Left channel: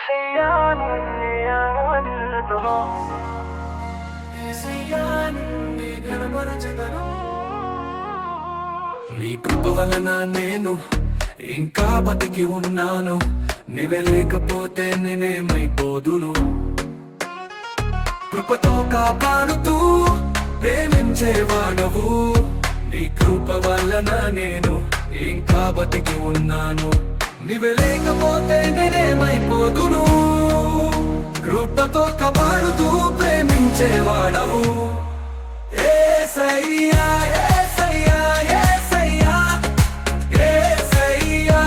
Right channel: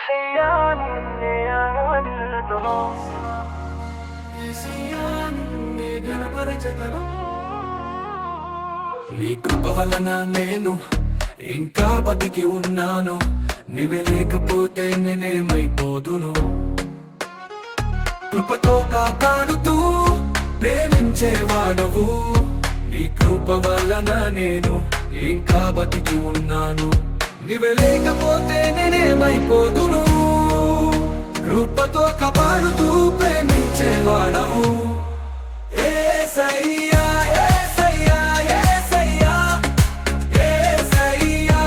యేసయ్యా నిన్నే ఆరాధింతును. యేసయ్యా నిన్నే ఘనపరచెదను. నీ కృప వలన నేను ఇంకా బతికి ఉన్నాను. నీవే లేకపోతే నేనేమైపోదును. కృపతో కాపాడుతూ ప్రేమించేవాడవు. నీ కృప వలన నేను ఇంకా బతికి ఉన్నాను. నీవే లేకపోతే నేనేమైపోదును. కృపతో కాపాడుతూ ప్రేమించేవాడవు. యేసయ్యా యేసయ్యా యేసయ్యా యేసయ్యా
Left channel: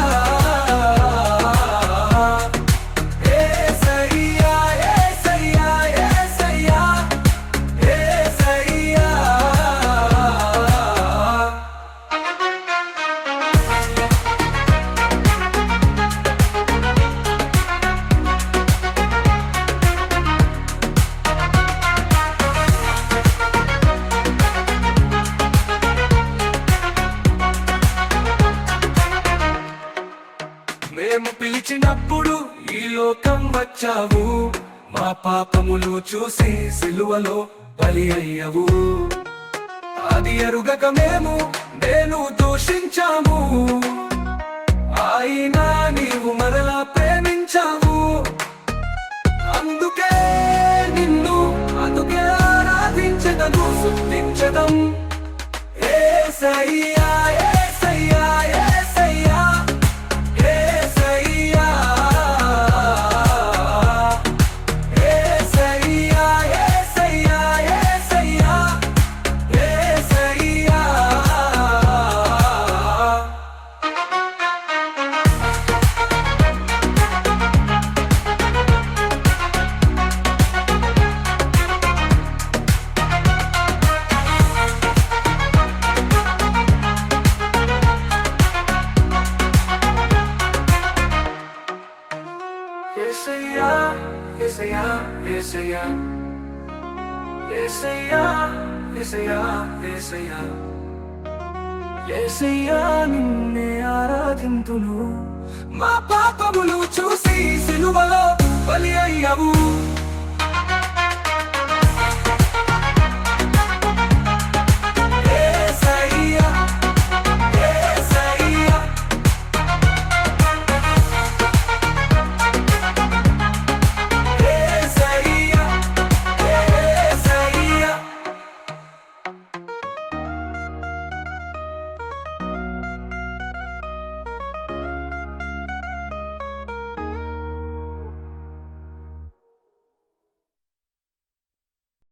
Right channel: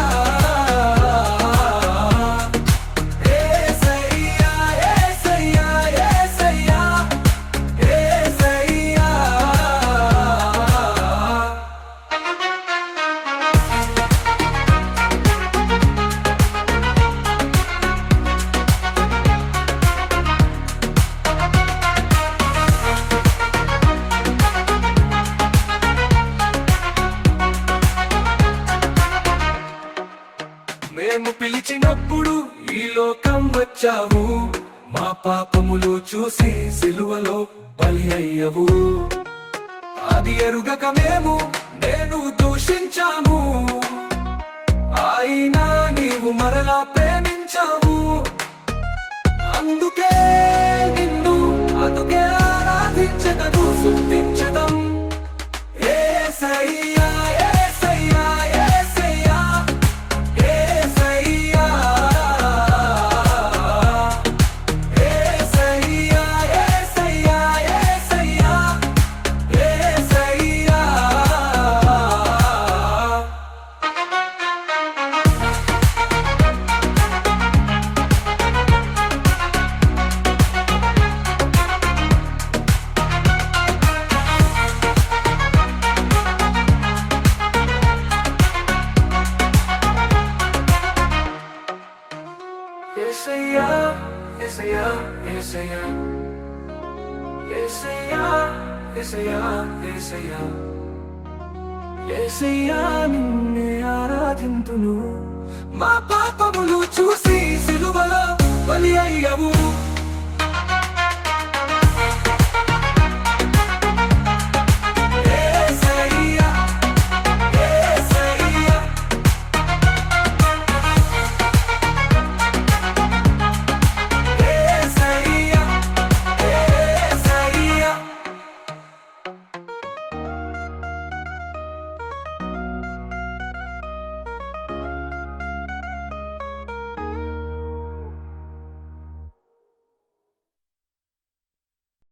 యేసయ్యా యేసయ్యా యేసయ్యా యేసయ్యా. మేము పిలిచినప్పుడు ఈ లోకం వచ్చావు. మా పాపములు చూసి సిలువలో బలి అయ్యవు. అది ఎరుగక నేను దూషించాము. అయినా నీవు మరలా ప్రేమించావు. అందుకే నిన్ను అందుకే ఆరాధించదను, స్తుతించదం. యేసయ్యా యేసయ్యా యేసయ్యా యేసయ్యా యేసయ్యా యేసయ్యా యేసయ్యా యేసయ్యా. యేసయ్యా యేసయ్యా యేసయ్యా యేసయ్యా యేసయ్యా యేసయ్యా యేసయ్యా నిన్నే ఆరాధింతును. మా పాపములు చూసి సిలువలో బలి అయ్యవు.